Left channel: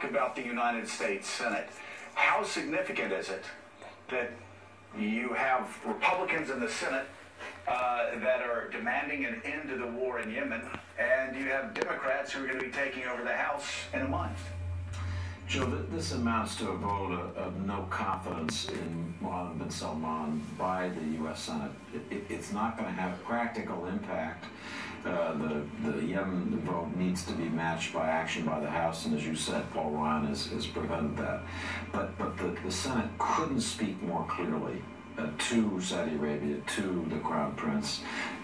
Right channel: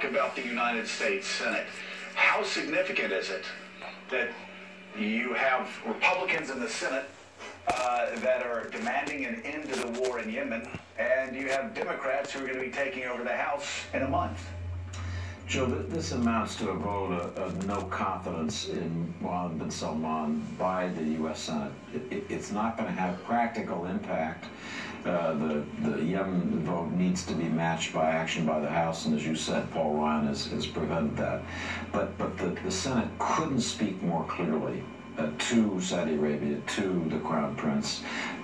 talk about the United States Senate. How significant is it that you have Republicans in the Senate that are demanding an end to the war in Yemen, and you have Democrats who are going to be taking over the House in a month? Joe, this amounts to a vote of no confidence in Mohammed bin Salman by the U.S. Senate. It's not going to have practical impact. The Yemen vote needs to be matched by action by the House, and as you said, Paul Ryan has prevented that. But the Senate couldn't speak more clearly to Saudi Arabia, to the Crown Prince,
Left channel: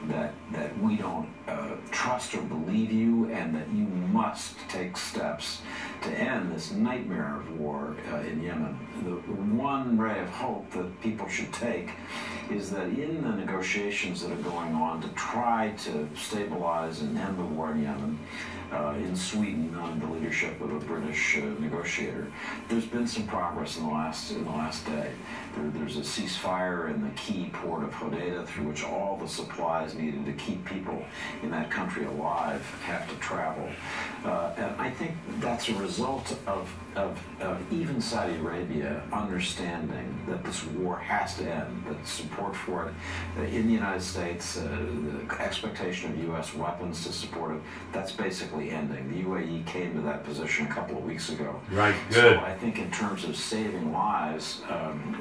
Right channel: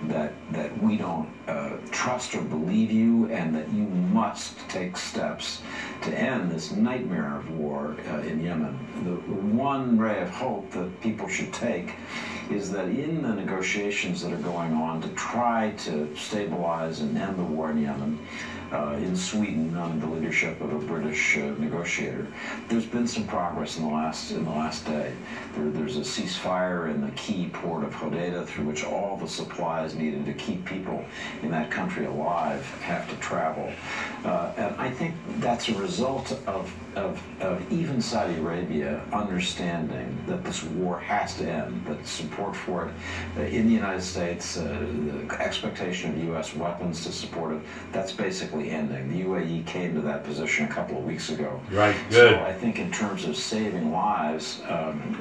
that we don't trust or believe you, and that you must take steps to end this nightmare of war in Yemen. The one ray of hope that people should take is that in the negotiations that are going on to try to stabilize and end the war in Yemen, in Sweden under the leadership of a British negotiator, there's been some progress in the last day. There's a ceasefire in the key port of Hodeidah, through which all the supplies needed to keep people in that country alive have to travel. And I think that's a result of even Saudi Arabia understanding that this war has to end, that support for it in the United States, the expectation of U.S. weapons to support it, that's basically ending. The UAE came to that position a couple of weeks ago. Right, good. So I think in terms of saving lives,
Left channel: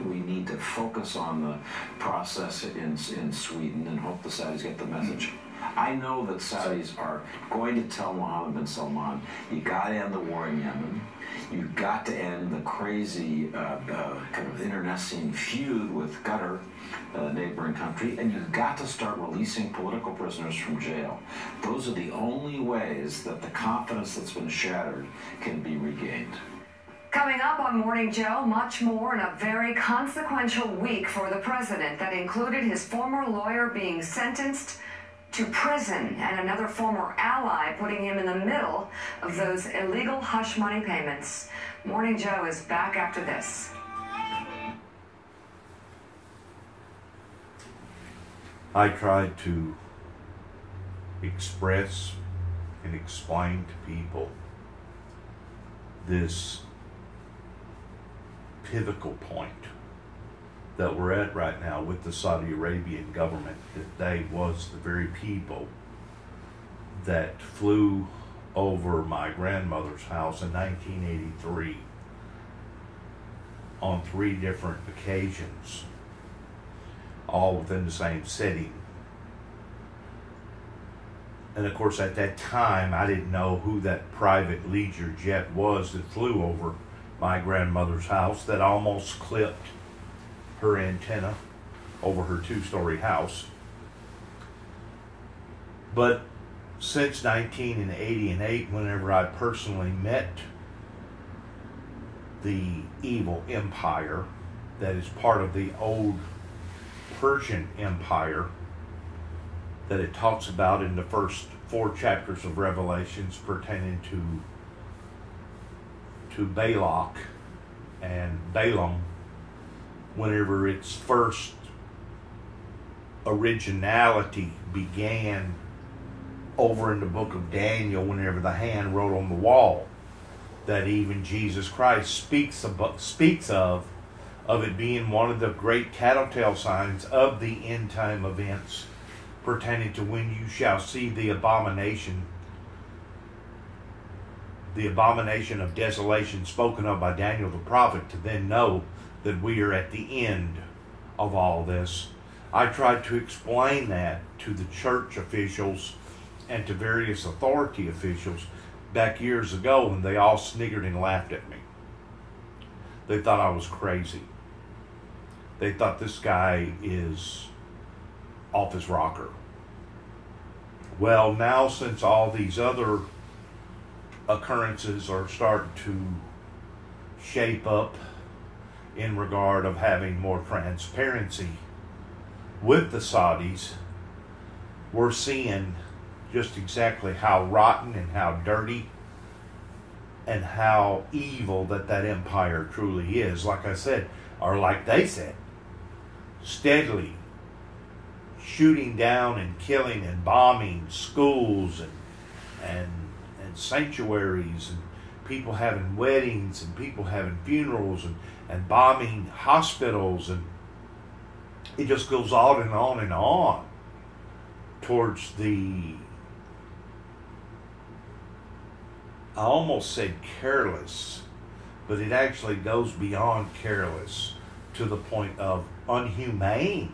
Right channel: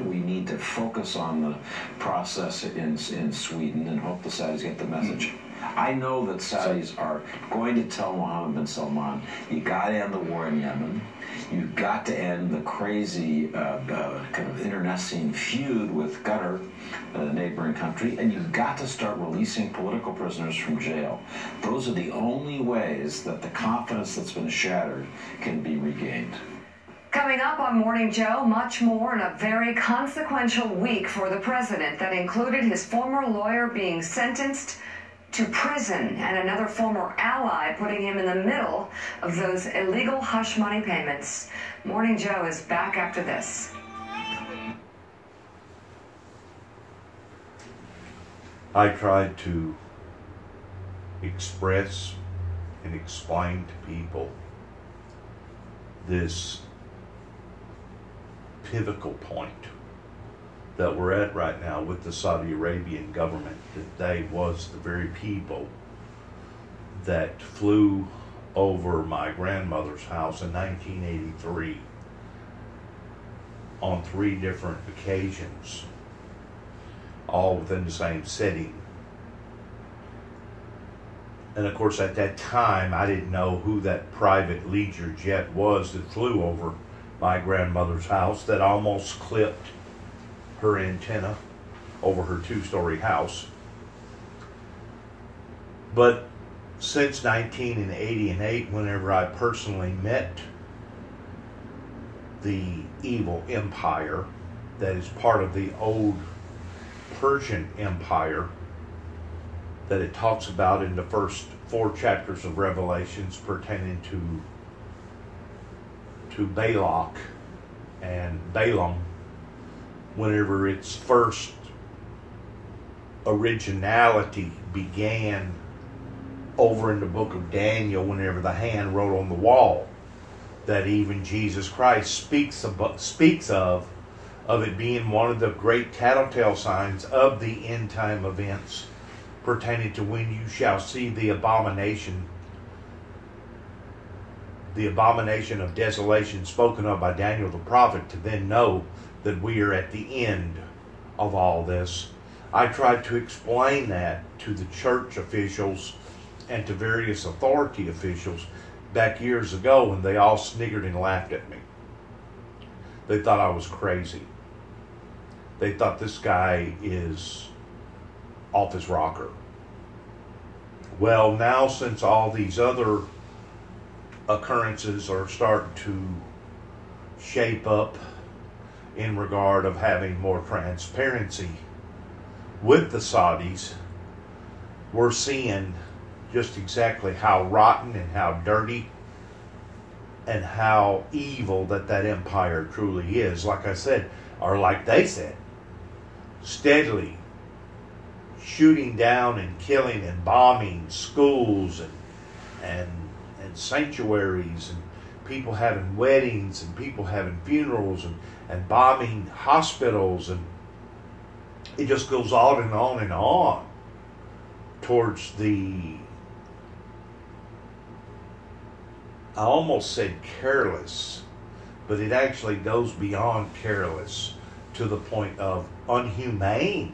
we need to focus on the process in Sweden and hope the Saudis get the message. I know that Saudis are going to tell Mohammed bin Salman, you got to end the war in Yemen. You've got to end the crazy kind of internecine feud with Qatar, a neighboring country, and you've got to start releasing political prisoners from jail. Those are the only ways that the confidence that's been shattered can be regained. Coming up on Morning Joe, much more in a very consequential week for the president that included his former lawyer being sentenced to prison and another former ally putting him in the middle of those illegal hush money payments. Morning Joe is back after this. I tried to express and explain to people this pivotal point that we're at right now with the Saudi Arabian government, that they was the very people that flew over my grandmother's house in 1983 on 3 different occasions, all within the same city. And of course at that time I didn't know who that private Leisure jet was that flew over my grandmother's house that almost clipped her antenna over her 2-story house. But since 1988, whenever I personally met the evil empire that is part of the old Persian Empire that it talks about in the first 4 chapters of Revelations pertaining to Balak and Balaam, whenever its first originality began over in the book of Daniel, whenever the hand wrote on the wall, that even Jesus Christ speaks of it being one of the great tattletale signs of the end time events pertaining to when you shall see the abomination of desolation spoken of by Daniel the prophet, to then know that we are at the end of all this. I tried to explain that to the church officials and to various authority officials back years ago, and they all sniggered and laughed at me. They thought I was crazy. They thought this guy is off his rocker. Well, now since all these other occurrences are starting to shape up in regard of having more transparency with the Saudis, we're seeing just exactly how rotten and how dirty and how evil that empire truly is. Like I said, or like they said, steadily shooting down and killing and bombing schools and sanctuaries and people having weddings and people having funerals and bombing hospitals, and it just goes on and on and on towards the, I almost said careless, but it actually goes beyond careless to the point of unhumane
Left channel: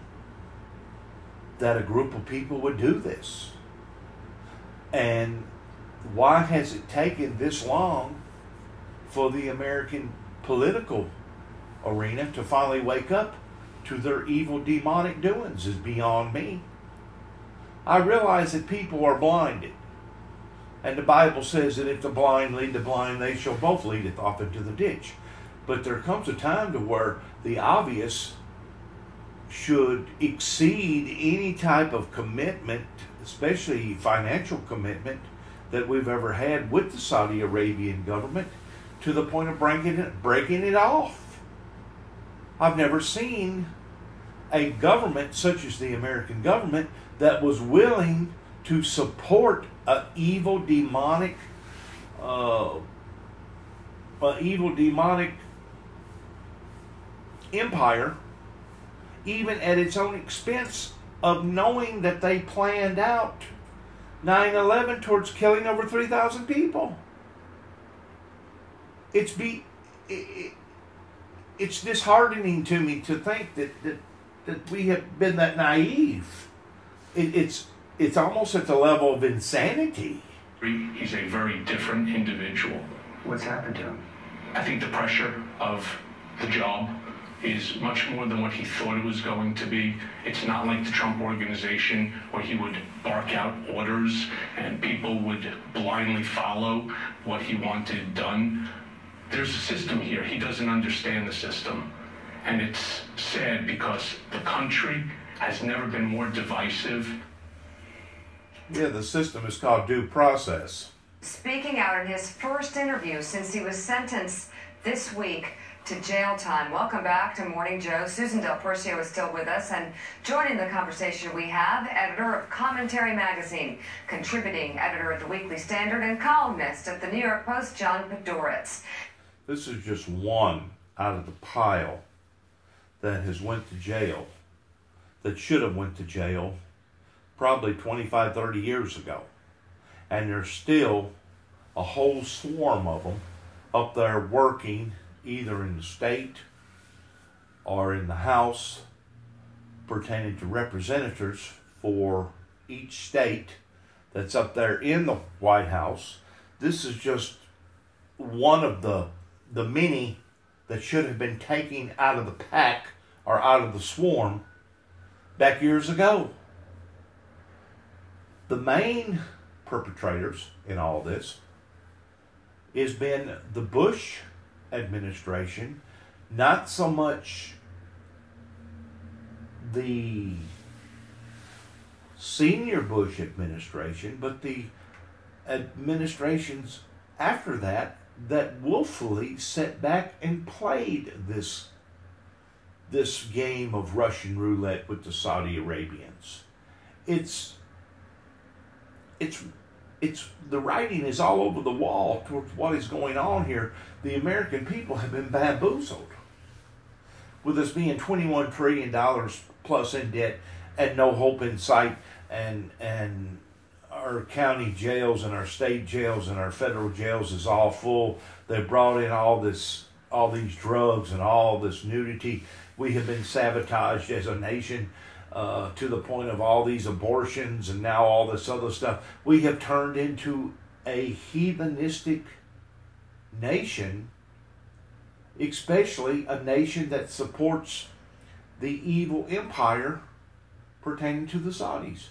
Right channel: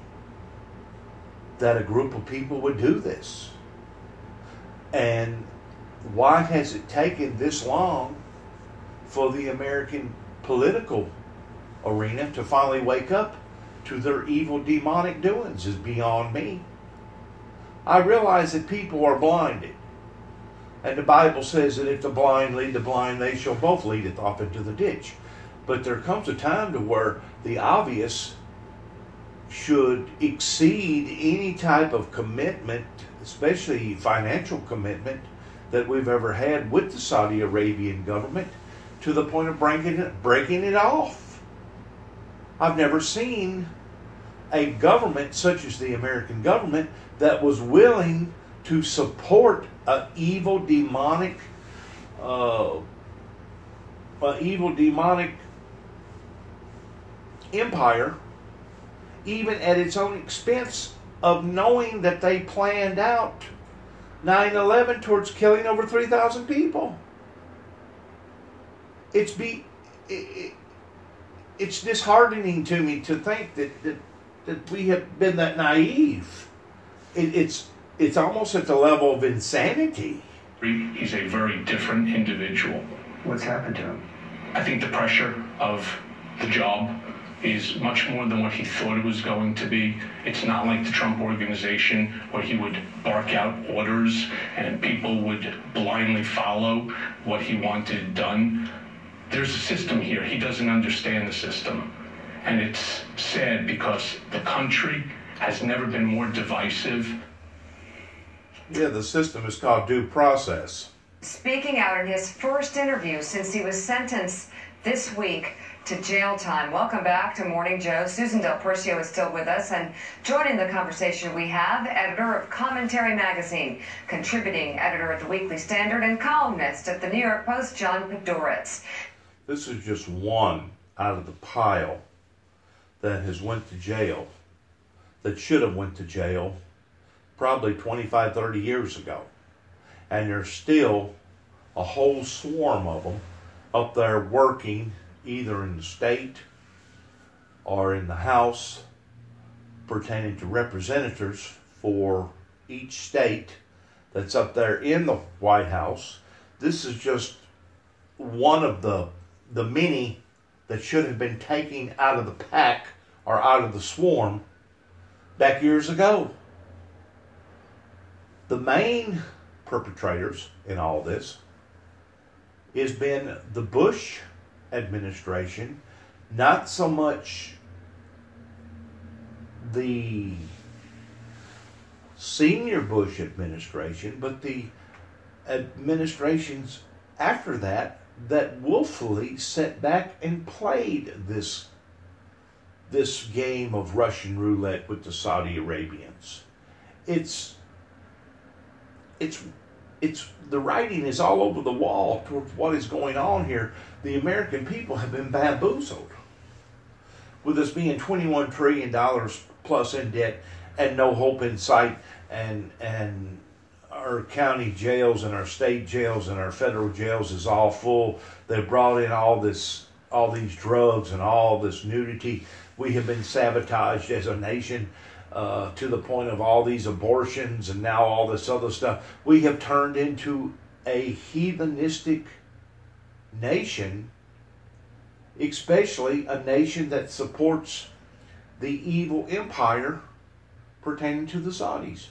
that a group of people would do this. And why has it taken this long for the American political arena to finally wake up to their evil demonic doings is beyond me. I realize that people are blinded. And the Bible says that if the blind lead the blind, they shall both leadeth off into the ditch. But there comes a time to where the obvious should exceed any type of commitment, especially financial commitment, that we've ever had with the Saudi Arabian government, to the point of breaking it off. I've never seen a government such as the American government that was willing to support an evil demonic empire, even at its own expense of knowing that they planned out 9/11 towards killing over 3,000 people. It's disheartening to me to think that we have been that naive. It's almost at the level of insanity. He's a very different individual. What's happened to him? I think the pressure of the job is much more than what he thought it was going to be. It's not like the Trump organization where he would bark out orders and people would blindly follow what he wanted done. There's a system here. He doesn't understand the system. And it's sad because the country has never been more divisive. Yeah, the system is called due process. Speaking out in his first interview since he was sentenced this week to jail time. Welcome back to Morning Joe. Susan Del Percio is still with us, and joining the conversation we have, editor of Commentary Magazine, contributing editor at the Weekly Standard, and columnist at the New York Post, John Padoritz. This is just one out of the pile that has went to jail, that should have went to jail probably 25, 30 years ago. And there's still a whole swarm of them up there working either in the state or in the House pertaining to representatives for each state that's up there in the White House. This is just one of the many that should have been taken out of the pack or out of the swarm back years ago. The main perpetrators in all this has been the Bush administration, not so much the senior Bush administration, but the administrations after that willfully sat back and played this game of Russian roulette with the Saudi Arabians. It's the writing is all over the wall towards what is going on here. The American people have been bamboozled with us being $21 trillion plus in debt and no hope in sight, and our county jails and our state jails and our federal jails is all full. They brought in all these drugs and all this nudity. We have been sabotaged as a nation to the point of all these abortions and now all this other stuff. We have turned into a heathenistic nation, especially a nation that supports the evil empire pertaining to the Saudis.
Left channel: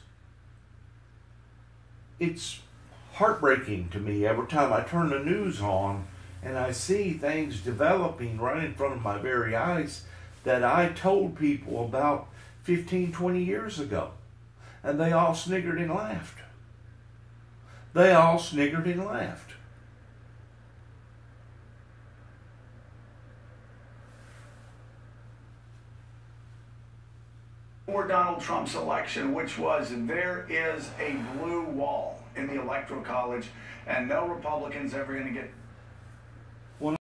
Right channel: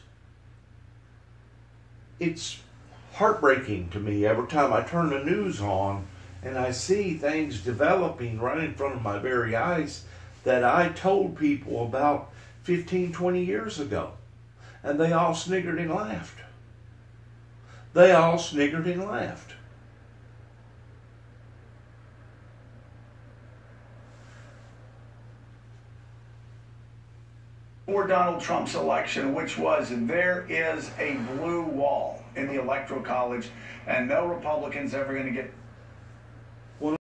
It's heartbreaking to me every time I turn the news on and I see things developing right in front of my very eyes that I told people about 15, 20 years ago. And they all sniggered and laughed. They all sniggered and laughed. For Donald Trump's election, which was there is a blue wall in the Electoral College, and no Republican's ever going to get Well,